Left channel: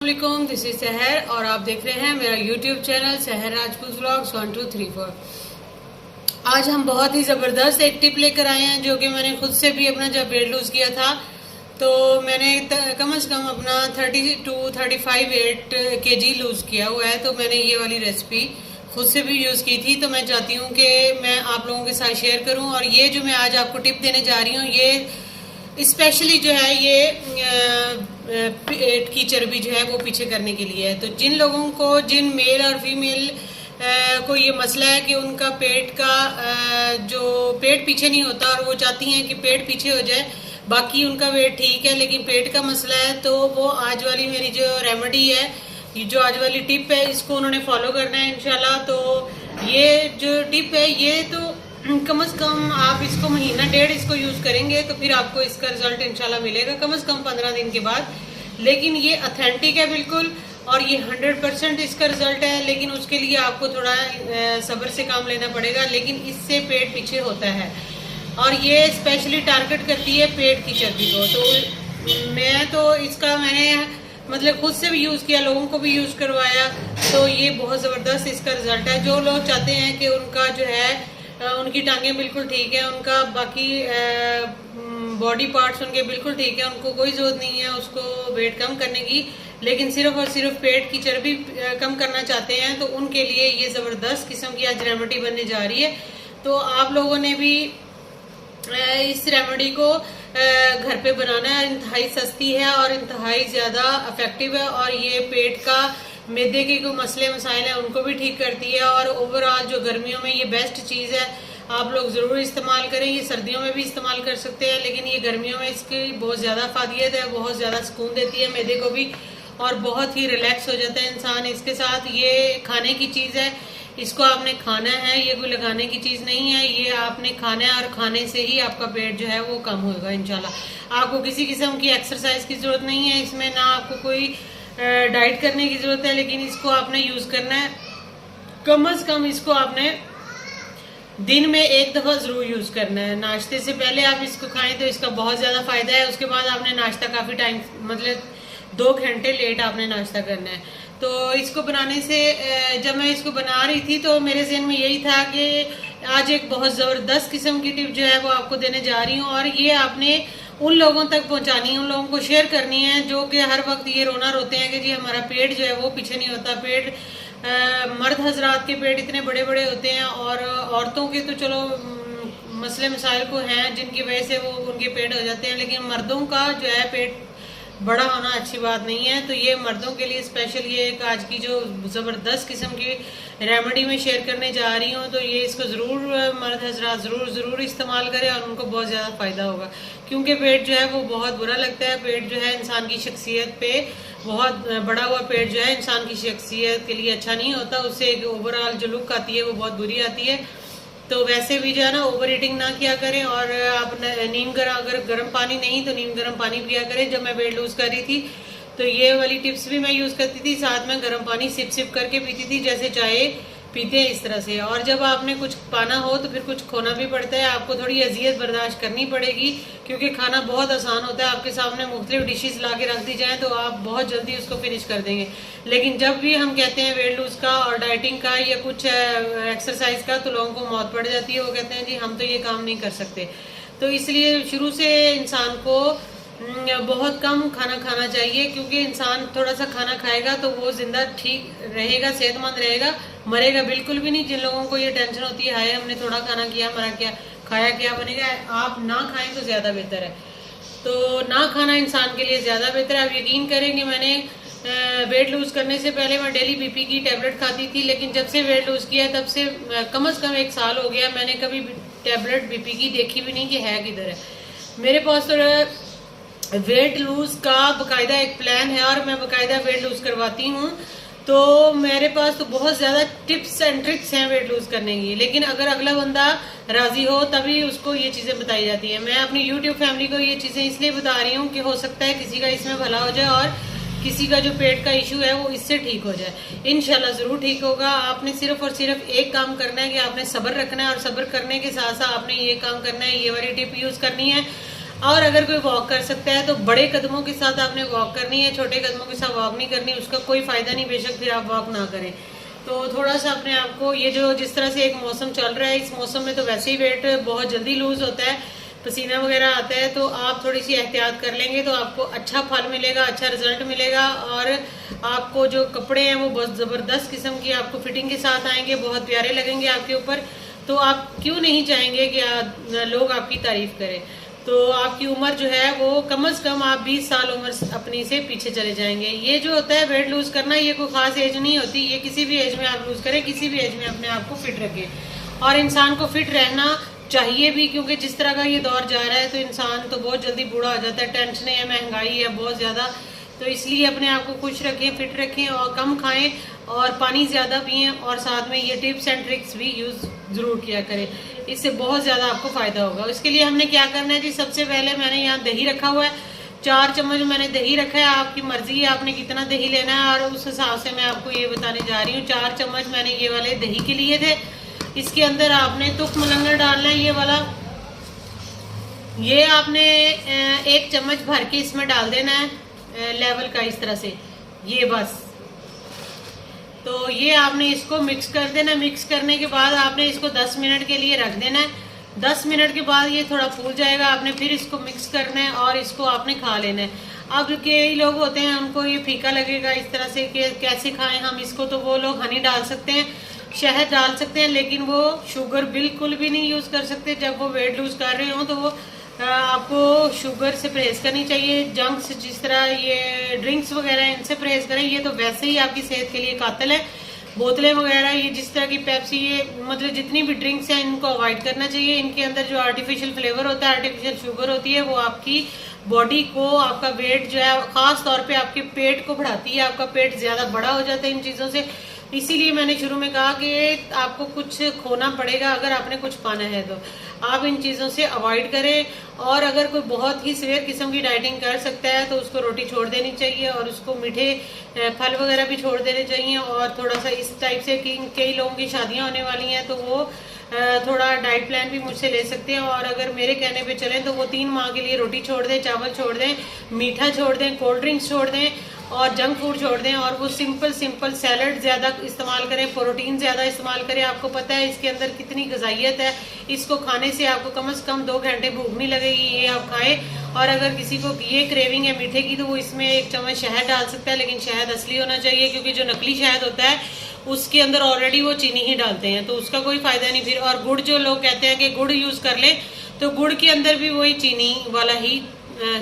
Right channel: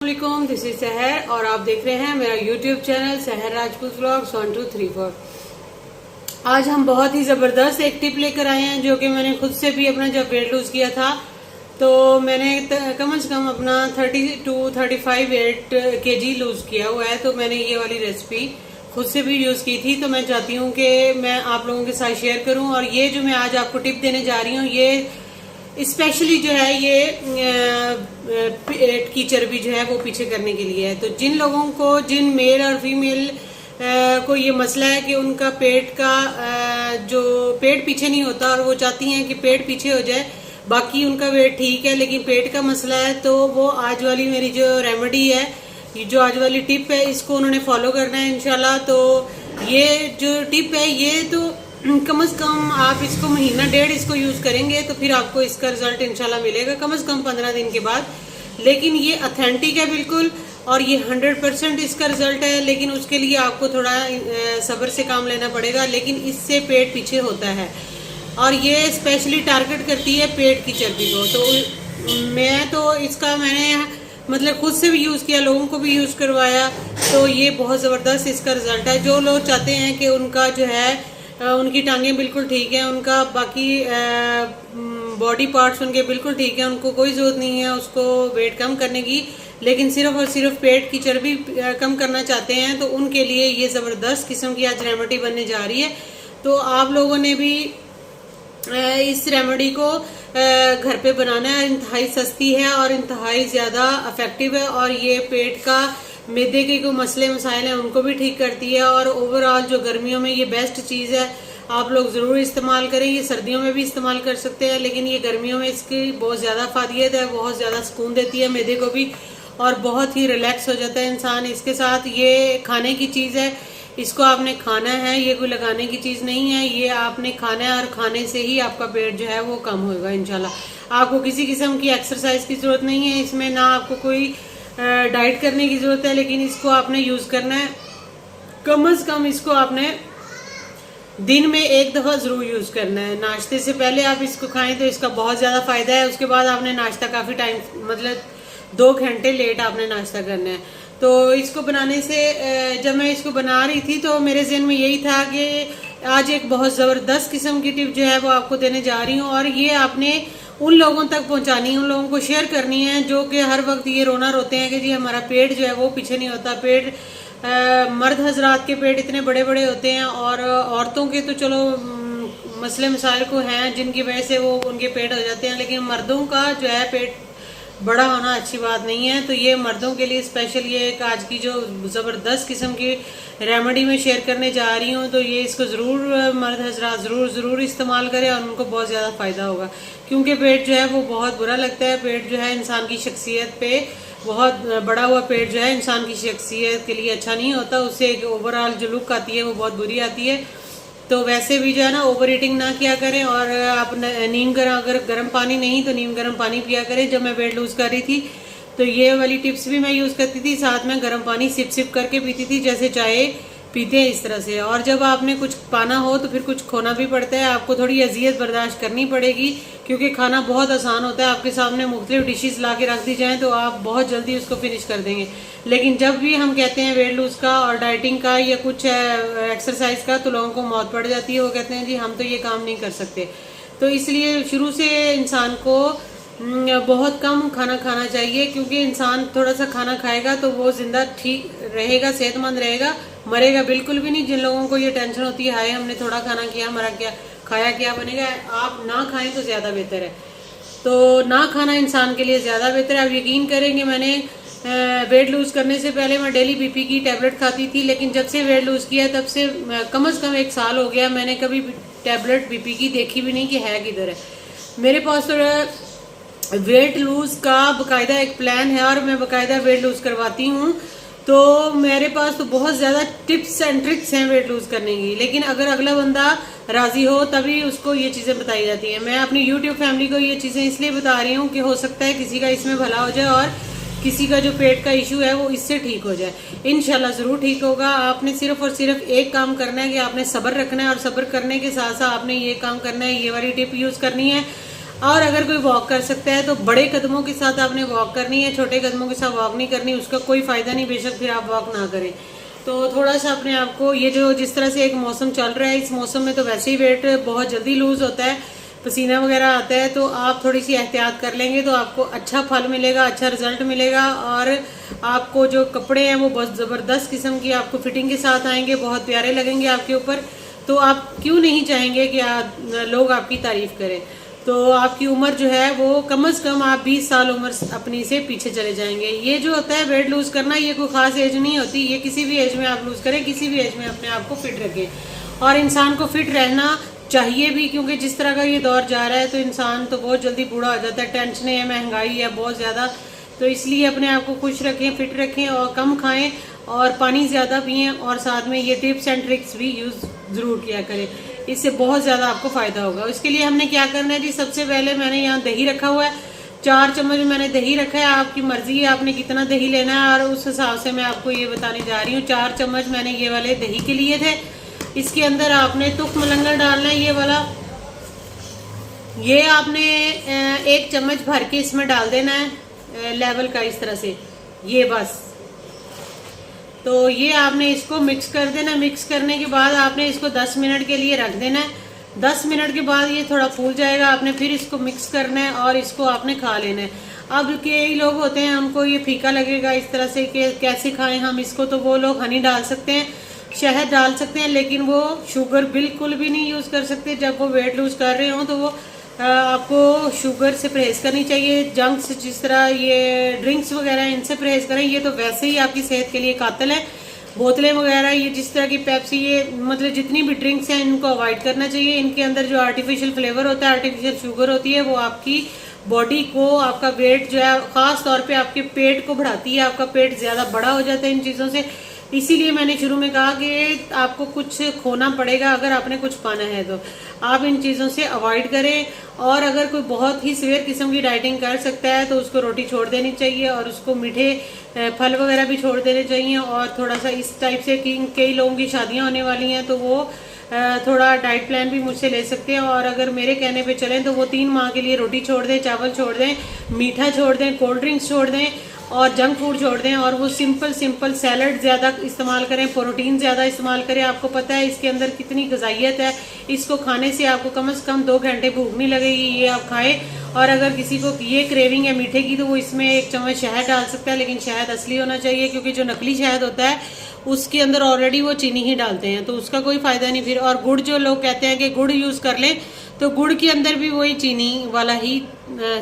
वालेकुम, this is सहर और आप देख रहे हैं मेरा यूट्यूब चैनल सहर राजपूत व्लॉग्स 1234। आज हम बहुत ही ज़बरदस्त एक टिप लेकर आए हैं जो कि मैंने खुद से भी अपना जब वेट लूज़ किया था तो मैंने कम से कम अपना 30 to 35 kg लूज़ किया हुआ है। तो मैंने ये वाली रेसिपी खुद से भी यूज़ की थी, तो मैं चाहती हूँ कि मैं आप लोगों के साथ शेयर करूँ। और ये जो मैं आज आपको टिप देने जा रही हूँ ये स्पेशली जो है ये पेट की चर्बी जो है वो पीछे करने के लिए है। तो जिन लोगों को, जिन मेल और फीमेल को ये मसला है कि उनका पेट का जो पेट पीछे नहीं होता और वो चाहती हैं कि पेट पीछे हो जाए, बाकी उनका वेट ठीक है लेकिन पेट का मसला है, तो वो आज वाली मेरी जो रेमेडी है, ये जो आज वाली टिप है, इसको उन्होंने फॉलो करना है इंशाल्लाह। तो ये जो टिप है ये तो कम से कम आप इसको महीना डेढ़ इसको यूज करेंगे तो फिर आपको इसका रिजल्ट इंशाल्लाह मिलेगा कम से कम 15 दिन के बाद। लेकिन ये ऑथेंटिक है बिल्कुल और ये 100% इसका रिजल्ट है, लेकिन उसके लिए आपको थोड़ा सब्र से काम लेना पड़ेगा। लेकिन इससे पेट पीछे होता है और ये स्पेशली टारगेट करती है पेट की चर्बी को। तो मैं तो इसका मैंने मतलब खुद से भी यूज किया, लोगों को भी यूज करवाया, तो ये बहुत जबरदस्त इसका रिजल्ट है। जो लोग चाहते हैं कि उनका जो है उनकी टांगें बिल्कुल ठीक है, उनका बाकी बॉडी पार्ट्स उनके बिल्कुल ठीक है, उनको कोई जरूरत नहीं है उसको वेट कम करने की, लेकिन सिर्फ और सिर्फ पेट की चर्बी कम करना चाहते हैं, तो उनके लिए ये जबरदस्त किस्म की आज रेमेडी बनने जा रही है। तो आप लोगों ने भी इस रेमेडी को घर पे बनाना है। इंतहाई सस्ती है और इंतहाई ज्यादा इफेक्टिव है और ये पेट का मैदे के कोई मसले मसाइल हैं उनको भी ठीक करती है। और ओवरऑल जो गर्मियों में ये बेस्ट चीज़ है, आप लोग ज़रूर इस्तेमाल करें। ये सर्दियों में भी इस्तेमाल कर सकते हैं लेकिन ये गर्मियों में इसकी बहुत ज़्यादा फायदियत है, बहुत ज़्यादा सुकून देती है मैदे को भी और बहुत ही रिलैक्स हो जाता है इंसान इसके साथ। ये खाने की चीज़ है, इसको आपने खाना है, ये कोई लगाने की चीज़ नहीं है, ये आपने खाना है और खाने से ही आपका पेट जो है वो कम होगा इंशाल्लाह। आपको किसी किस्म की एक्सरसाइज की ज़रूरत नहीं है इसमें, ना आपको कोई डाइट करने की जरूरत है, लेकिन इसको आपने यूज करना है। कम से कम इसको आपने दिन में एक दफा जरूर यूज करना है। नाश्ते से पहले आप इसको खाएं तो इसका बहुत ज्यादा फायदा है। उसके बाद आपने नाश्ता काफी टाइम मतलब 2 घंटे लेट आपने नाश्ता करना है। तो इसको बनाने से जब मैं इसको बना रही थी तो मेरे जहन में यही था कि आज एक बहुत जबरदस्त किस्म की टिप जो है वो आपको देने जा रही हूँ और ये आपने उन लोगों तक पहुंचानी है, उन लोगों को शेयर करनी है जो कि हर वक्त ये रोना रोते हैं कि जी हमारा पेट जो है वो पीछे नहीं होता। पेट मर्द हजरात के पेट इतने बड़े बड़े होते हैं और औरतों के तो चलो मसले मसाइल को हैं जिनकी वजह से वो उनके पेट हो जाते हैं, लेकिन मर्दों का जो है पेट बड़ा होना अच्छी बात नहीं है। तो ये मर्दों के लिए स्पेशल ये एक आज की जो ज़बरदस्त किस्म की रेमेडी में शेयर करने जा रही हूँ, तो ये इसको ज़रूर मर्द हजरात ज़रूर इस्तेमाल करें और उनको बहुत ज़्यादा फ़ायदा होगा। क्योंकि पेट जो है वो बहुत बुरा लगता है। पेट जो है इंसान की शख्सियत पे, बहुत बड़ा हुआ पेट जो है इंसान की शख्सियत के लिए अच्छा नहीं होता, उससे एक ओवरऑल जो लुक आती है वो बहुत बुरी आती है। तो वैसे भी जो है ना ओवर ईटिंग ना किया करें और आप नीम अगर गर्म पानी नहीं तो नीम गर्म पानी पिया करें। जब मैं वेट लूज कर रही थी तो ये वाली टिप्स भी मैं यूज करती थी, साथ में गर्म पानी सिप करके पीती थी जैसे चाय पीते हैं इस तरह से। और जब आपने कुछ पाना हो तो फिर कुछ खोना भी पड़ता है, आपको थोड़ी अजियत बर्दाश्त करनी पड़ेगी क्योंकि खाना बहुत आसान होता है। आपके सामने मुख्तलिफ डिशेस ला के रख दी जाए तो आप बहुत जल्दी उसको फिनिश कर देंगे। लेकिन जब भी हम कहते हैं वेट लूज का और डाइटिंग का या कुछ एक्सरसाइज का तो लोगों को मौत पड़ जाती है, वो कहते हैं जी हम तो ये काम नहीं कर सकते। तो इसलिए शुरू से इंसान को बहुत कम खाना खाना चाहिए क्योंकि इंसान थोड़ा सा खाना खाएगा तो वो जिंदा ठीक रहेगा, सेहतमंद रहेगा, मरेगा बिल्कुल भी नहीं। जिन लोगों को ये टेंशन होती है हाय हमने थोड़ा खाना किया, मरा क्या, खाया क्या बनेगा, आप ना खाएं तो ज्यादा बेहतर है। तो ना खाना इंसान के लिए ज्यादा बेहतर है। आप यकीन करेंगे मैंने वेट लूज करने से पहले मैं डेली बीपी की टैबलेट खाती थी, लेकिन जब से वेट लूज किया तब से कम से कम 1 साल हो गया मैंने कभी टैबलेट बीपी की देखी भी नहीं कि है किधर है। मेरे पास तो वेट लूज का बकायदा एक प्लान है और मैं बकायदा वेट लूज करवाती हूँ। तो मेरे पास तो बहुत ज्यादा टिप्स एंड ट्रिक्स हैं वेट लूज करने की, लेकिन अगर अगला बंदा राजी हो तभी उसको ये चीजें बताई जाती हैं। मैं अपनी यूट्यूब फैमिली को ये चीजें इसलिए बता रही हूँ कि हो सकता है किसी का इसमें भला हो जाए और किसी का जो पेट का इशू है वो इससे ठीक हो जाए। इंशाल्लाह जरूर ठीक होगा। आपने सिर्फ और सिर्फ एक काम करना है कि आपने सब्र रखना है और सब्र करने के साथ साथ आपने ये काम करना है, ये वाली टिप यूज करनी है। और अगर कोई वॉक कर सकता है तो बड़े कदमों के साथ आपने वॉक करनी है, छोटे कदमों के साथ वॉक नहीं करनी, उसका कोई फायदा नहीं, बेशक फिर आप वॉक ना करें। तो थोड़ा सा अपने आप को, ये जो जिस तरह से एक मौसम चल रहा है, इस मौसम में तो वैसे ही वेट बहुत जल्दी लूज होता है, पसीना वगैरह आता है, तो आप थोड़ी सी एहतियात कर लेंगे तो आपको अच्छा फल मिलेगा, अच्छा रिजल्ट मिलेगा। और आपको जो कपड़े हैं वो बहुत ज़बरदस्त किस्म की आपको फिटिंग के साथ आएंगे, बहुत प्यारे लगेंगे आपके ऊपर। तो आप क्यों नहीं चाहेंगे कि लोग आपकी तारीफ करें। तो आपकी उम्र जो है वो कम से कम आप 20 साल उम्र अपनी से पीछे चले जाएंगे। ये जो होता है वेट लूज करना, ये कोई खास एज नहीं होती, ये किसी भी एज में आप लूज करें, किसी भी एज में अपने आप को फिट रखें। और इंसान को फिट रहना चाहिए भी, क्योंकि जिस तरह का ये दौर जा रहा है तो इंसान तो बहुत जल्दी बूढ़ा हो जाता है, टेंशनें है, महंगाई है बहुत ज़्यादा। तो इसलिए अपने आप को खुश रखें, फिट रखें और कम खाएं और पानी ज़्यादा पिएं। और साथ में ये टिप्स एंड ट्रिक्स भी यूज़ ज़रूर किया करें, इससे बहुत ज़्यादा आपको फ़ायदा होगा। इसके लिए हमने क्या करना है जी, सबसे पहले मैंने यहाँ दही रखा हुआ है, 4 चम्मच मैंने दही रखा है। आपकी मर्जी है आपने कितना दही लेना है और उस हिसाब से मैं आपको ये बताने जा रही हूँ। 4 चम्मच मैंने ये वाले दही के लिए थे। इसके अंदर आपने तुख मलंगर डालना है, ये वाला, ये आपने 1 चम्मच भर के इसमें डाल देना है लेवल का, इस तरह से, ये बस। तो ये आपने इसको मिक्स कर देना। मिक्स करने के बाद आपने इसको 10 मिनट के लिए रख देना है। 10 मिनट के बाद ये थोड़ा फूल जाएगा, आपने फिर इसको मिक्स करना है और इसको आपने खा लेना है। अब कई लोग होते हैं उनको ये फीका लगेगा इस तरह से कि कैसे खाएं हम इसको, तो वो लोग हनी डाल सकते हैं, शहद डाल सकते हैं, लेकिन वो शुगर बिल्कुल भी नहीं यूज़ कर सकते। जब वो वेट लूज कर रहे हो तो वो आपको शुगर से परहेज करनी चाहिए। जंक्स जिस तरह ये ड्रिंक्स वगैरह, इनसे परहेज करें, ये तो वैसे ही आपकी सेहत के लिए कातिल है। बोतलें वगैरह, ये जिस तरह की पेप्सी, ये मतलब जितनी भी ड्रिंक्स हैं इनको अवॉइड करना चाहिए। इनके अंदर जो आर्टिफिशियल फ्लेवर होता है, आर्टिफिशियल शुगर होती है, वो आपकी बॉडी को, आपका वेट जो है, खास तौर पे आपके पेट को बढ़ाती है, आपका पेट ज्यादा बड़ा हो जाता है इन चीज़ों से। इसीलिए मैंने शुरू में कहा कि आपको कुछ खोना पड़ेगा अगर आपने कुछ पाना है, तो आप इन चीज़ों से अवॉइड करें। और अगर कोई बहुत ही सीवियर किस्म की डाइटिंग कर सकता है तो उसको रोटी छोड़ देनी चाहिए और उसको मीठे फल वगैरह भी छोड़ देने चाहिए। और थोड़ा सा इस टाइप से कि कई लोगों की शादियां होने वाली हैं तो वो थोड़ा डाइट प्लान भी मुझसे ले सकते हैं। और अगर मेरे कहने पे चलें तो वो 3 माह के लिए रोटी छोड़ दें, चावल छोड़ दें, मीठा छोड़ दें, कोल्ड ड्रिंक्स छोड़ दें और जंक फूड छोड़ दें। और वो सिंपल सैलड ज़्यादा इस्तेमाल करें, प्रोटीन ज़्यादा इस्तेमाल करें। आपको पता है इसके अंदर कितनी गजाइयत है, इसको खाने से आपको कम से कम 2 घंटे भूख नहीं लगेगी, ये आप खाएं। और अगर किसी को ये क्रेविंग है मीठे की तो वो इसमें 1 चम्मच शहद डाल सकता है, लेकिन शहद असली होना चाहिए, क्योंकि जो नकली शहद होता है उसके अंदर ऑलरेडी वो चीनी ही डालते हैं, तो उसका कोई फायदा नहीं फिर। और गुड़, जो लोग कहते हैं कि गुड़ यूज़ कर लें, तो गुड़ के अंदर भी वही चीनी वाला ही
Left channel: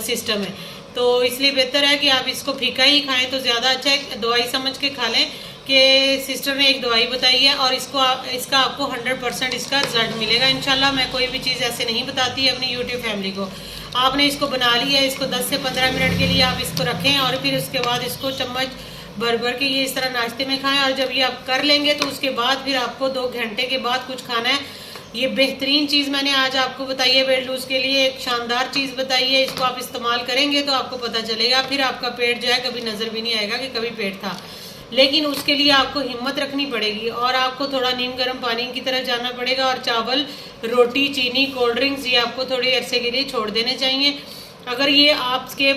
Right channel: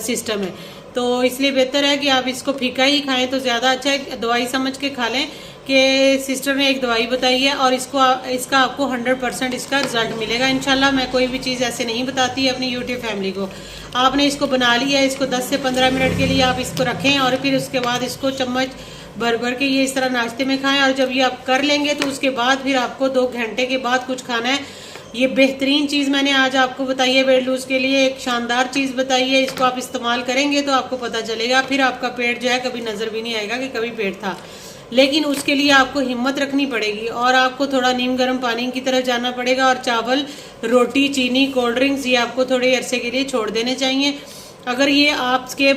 सिस्टम है। तो इसलिए बेहतर है कि आप इसको फीका ही खाएं तो ज़्यादा अच्छा है। दवाई समझ के खा लें कि सिस्टर ने एक दवाई बताई है और इसका आपको 100% इसका रिजल्ट मिलेगा इंशाल्लाह। मैं कोई भी चीज़ ऐसे नहीं बताती अपनी यूट्यूब फैमिली को। आपने इसको बना लिया है, इसको 10 से 15 मिनट के लिए आप इसको रखें और फिर उसके बाद इसको चम्मच भर भर के ये इस तरह नाश्ते में खाएं। और जब ये आप कर लेंगे तो उसके बाद फिर आपको 2 घंटे के बाद कुछ खाना है। ये बेहतरीन चीज़ मैंने आज आपको बताई है वेट लूज के लिए, एक शानदार चीज़ बताई है। इसको आप इस्तेमाल करेंगे तो आपको पता चलेगा, फिर आपका पेट जो है कभी नज़र भी नहीं आएगा कि कभी पेट था। लेकिन उसके लिए आपको हिम्मत रखनी पड़ेगी और आपको थोड़ा नीम गर्म पानी की तरफ जाना पड़ेगा। और चावल, रोटी, चीनी, कोल्ड ड्रिंक्स ये आपको थोड़े अरसे के लिए छोड़ देने चाहिए। अगर ये आपके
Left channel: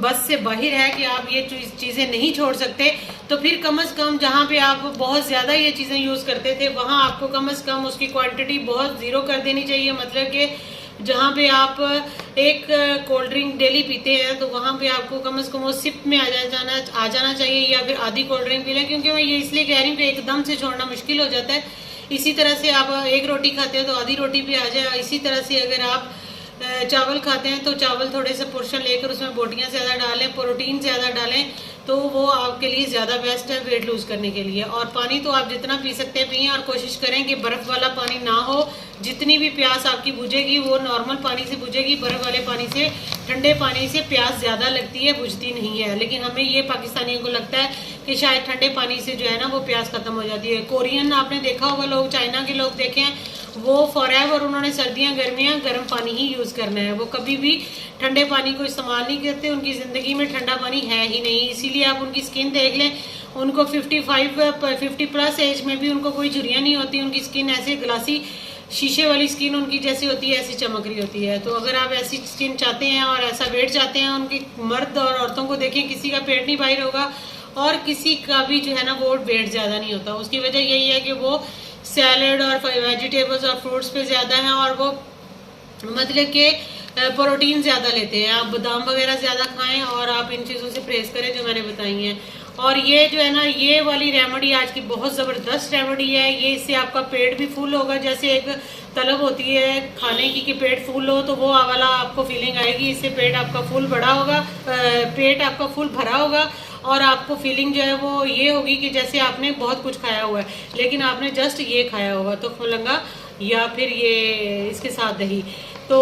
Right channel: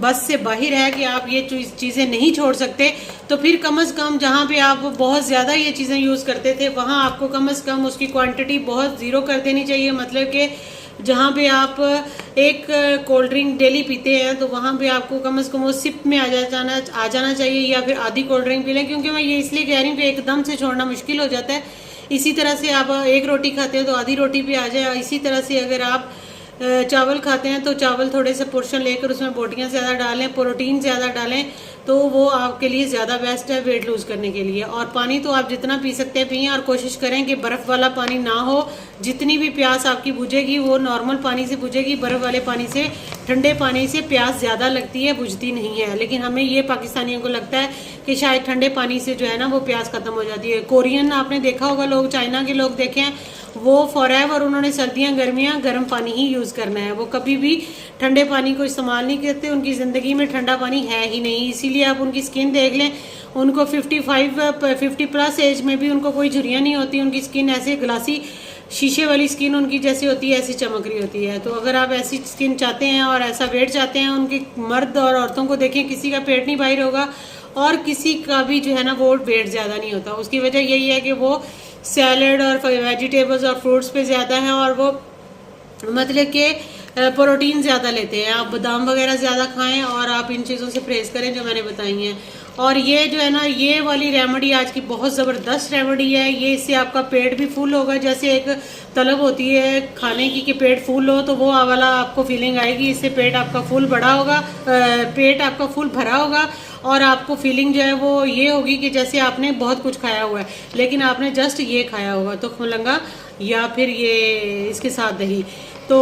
बस से बाहर है कि आप ये चीज़ें नहीं छोड़ सकते, तो फिर कम से कम जहाँ पे आप बहुत ज़्यादा ये चीज़ें यूज़ करते थे वहाँ आपको कम से कम उसकी क्वांटिटी बहुत ज़ीरो कर देनी चाहिए। मतलब कि जहाँ पे आप एक कोल्ड ड्रिंक डेली पीते हैं तो वहाँ पे आपको कम से कम वो सिप में आ जाना चाहिए, या फिर आधी कोल्ड ड्रिंक पी लें। क्योंकि मैं ये इसलिए कह रही हूँ कि एकदम से छोड़ना मुश्किल हो जाता है। इसी तरह से आप 1 रोटी खाते हैं तो आधी रोटी पे आ जाए। इसी तरह से अगर आप चावल खाते हैं तो चावल थोड़े से पोर्शन लेकर उसमें बोटियाँ ज़्यादा डालें, प्रोटीन ज़्यादा डालें, तो वो आपके लिए ज़्यादा बेस्ट है वेट लूज़ करने के लिए। और पानी तो आप जितना पी सकते हैं पिए, और कोशिश करें कि बर्फ़ वाला पानी ना हो। जितनी भी प्यास आपकी बुझेगी वो नॉर्मल पानी से बुझेगी, बर्फ़ वाले पानी से, ठंडे पानी से प्यास ज़्यादा लगती है, बुझती नहीं है। लेकिन हमें ये पाकिस्तानियों को लगता है कि शायद ठंडे पानी से जो है ना वो प्यास खत्म हो जाती है। कोरियन आपने देखा होगा लोग, चाइना के लोग देखें, वो फॉरएवर उन्होंने सर्दियाँ गर्मियाँ गर्म पानी ही यूज़ करना है, वो कभी भी ठंडे पानी को इस्तेमाल नहीं करते। उनकी ज़िंदगी में ठंडा पानी है ही नहीं। इसीलिए आप उनकी स्किन देख लें, उनको 50 प्लस एज में भी उनको कोई झुर्रियाँ नहीं होती, उनकी स्किन ऐसे ग्लासी शीशे वाली स्किन उनकी जैसी होती है ऐसी चमक रही होती है। तो अगर आप ऐसी स्किन चाहते हैं और ऐसा वेट चाहते हैं, उनकी मर्द और औरतों को देखें, किसी का पेट नहीं बाहर होगा और किसी का भी जो है ना वो वेट ज़्यादा नहीं होता। उसकी वजह यही है कि वो सैलड और वेजिटेबल्स और फ्रूट्स पे ज़्यादा हैं और वो मतलब कि प्रोटीन ज़्यादा लेते हैं। आप बादाम वगैरह ज़्यादा खाएं और आप इन चीज़ों से परहेज करें जो मैंने बताई हैं। और ये जो है ना ये वाली रेमेडी आज की बहुत ज़बरदस्त रेमेडी है। ये इससे आपका पेट भी फुल होगा, जैसे एक तलब होती है खाने की कि पेट फुल हो, तो वो वाला आपको फीलिंग आएगी। इससे पेट आपका फुल बड़ा होगा, पेट आपका फुल भरा होगा और आपको फीलिंग जो है वो ये होगी कि जैसे आपने बहुत कुछ खाया हुआ है लेकिन आपने जस्ट ये खाया होगा, तो खुलंगा या फिर ये इसके साथ दही। तो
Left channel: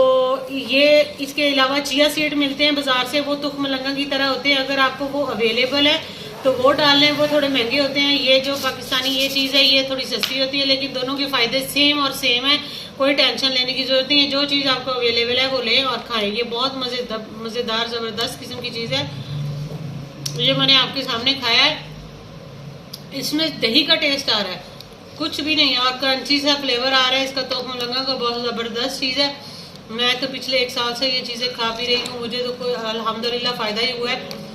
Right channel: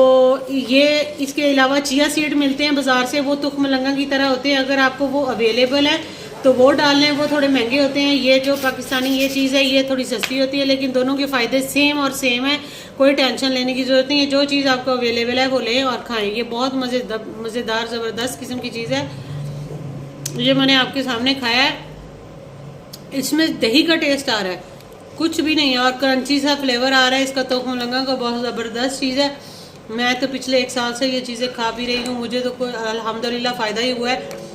ये इसके अलावा चिया सीड मिलते हैं बाजार से, वो तुख मलंगा की तरह होते हैं। अगर आपको वो अवेलेबल है तो वो डाल लें, वो थोड़े महंगे होते हैं। ये जो पाकिस्तानी ये चीज़ है ये थोड़ी सस्ती होती है, लेकिन दोनों के फ़ायदे सेम और सेम है, कोई टेंशन लेने की ज़रूरत नहीं है। जो चीज़ आपको अवेलेबल है वो लें और खाएं। ये बहुत मज़ेदार ज़बरदस्त किस्म की चीज़ है। ये मैंने आपके सामने खाया है, इसमें दही का टेस्ट आ रहा है, कुछ भी नहीं, और क्रंची सा फ्लेवर आ रहा है इसका। तुख मलंगा का बहुत ज़बरदस्त चीज़ है। मैं तो पिछले 1 साल से ये चीज़ें खा भी रही हूँ, मुझे तो कोई अल्हम्दुलिल्लाह फ़ायदा ही हुआ है।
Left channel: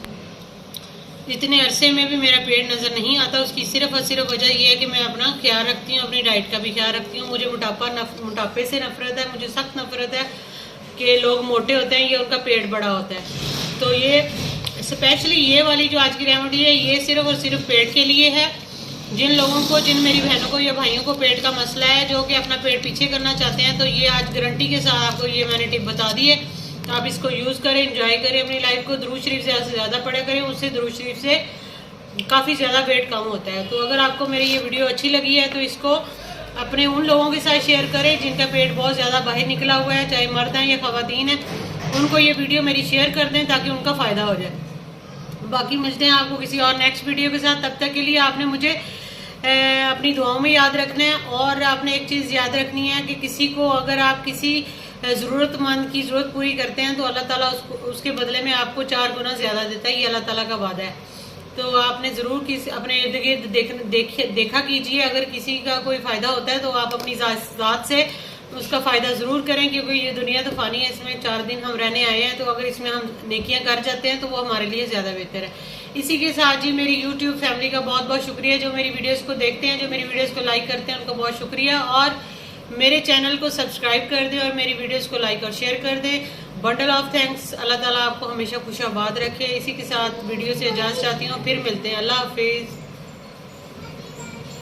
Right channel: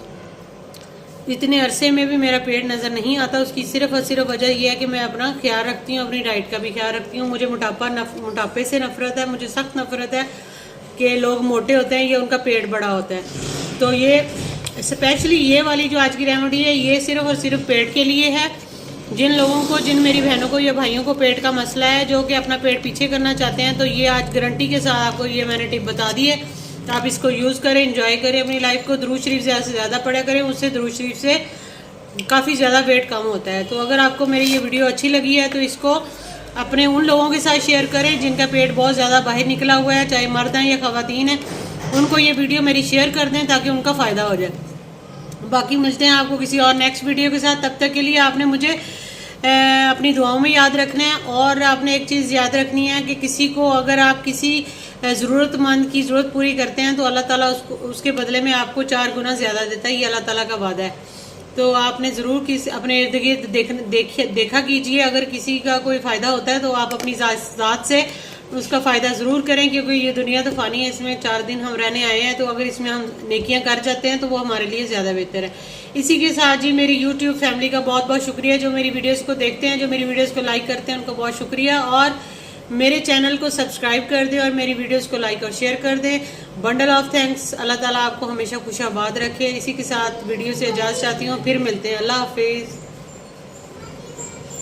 इतने अरसे में भी मेरा पेट नज़र नहीं आता। उसकी सिर्फ और सिर्फ वजह यह है कि मैं अपना ख्याल रखती हूँ, अपनी डाइट का भी ख्याल रखती हूँ। मुझे मोटापे से नफरत है, मुझे सख्त नफरत है कि लोग मोटे होते हैं, ये उनका पेट बड़ा होता है। तो ये स्पेशली ये वाली जो आज की रेमेडी है ये सिर्फ और सिर्फ पेट के लिए है। जिन लोगों को, जिन मेरी बहनों को या भाइयों को पेट का मसला है, जो कि अपना पेट पीछे करना चाहते हैं, तो ये आज गारंटी के साथ आपको ये मैंने टिप बता दी है। तो आप इसको यूज़ करें, एंजॉय करें अपनी लाइफ को। दुरूद शरीफ ज़्यादा से ज़्यादा पढ़ा करें, उससे दुरूद शरीफ से काफ़ी ज़्यादा वेट कम होता है। तो अगर आपको मेरी ये वीडियो अच्छी लगी है तो इसको अपने उन लोगों के साथ शेयर करें जिनका पेट बहुत ज़्यादा बाहर निकला हुआ है, चाहे मर्द हैं या ख़वातीन हैं। उनको ये वीडियो मेरी शेयर कर दें ताकि उनका फ़ायदा हो जाए। बाकी मिलते हैं आपको किसी और नेक्स्ट वीडियो के साथ। तब तक के लिए आपने मुझे अपनी दुआओं में याद रखना है। और आपने एक चीज़ याद रखनी है कि किसी को, अगर आप किसी ज़रूरतमंद की ज़रूरत पूरी करते हैं तो अल्लाह ताला उसके बदले में आपको 4 गुना ज़्यादा देता है। ये अल्लाह ताला का वादा है। तो आपने ज़रूर अपने इर्द गिर्द देखा कीजिए। अगर किसी का कोई फ़ायदा होता है तो आप अपनी ज़ात से उसका फ़ायदा ज़रूर करें, क्योंकि ये दुनिया तो फ़ानी है, इसमें 4 दिन हम रहने आए हैं। तो अगर इसमें हम नेकियां कर जाते हैं तो वो हमारे लिए ज़्यादा बेहतर है। इसी के साथ जी मेरी यूट्यूब फैमिली का बहुत बहुत शुक्रिया, जो मेरी वीडियोज़ को देखते हैं, जो मेरी वीडियोज़ को लाइक करते हैं, उनको बहुत शुक्रिया। और मेरे चैनल को सब्सक्राइब कर दें और मेरी वीडियोस को लाइक और शेयर कर दें। Bundle of thanks. अल्लाह ताला आपको हमेशा खुशाबाद रखे। इसी के साथ वीडियो से इजाज़त चाहती हूँ, फिर मिलते हैं। अल्लाह हाफिज़।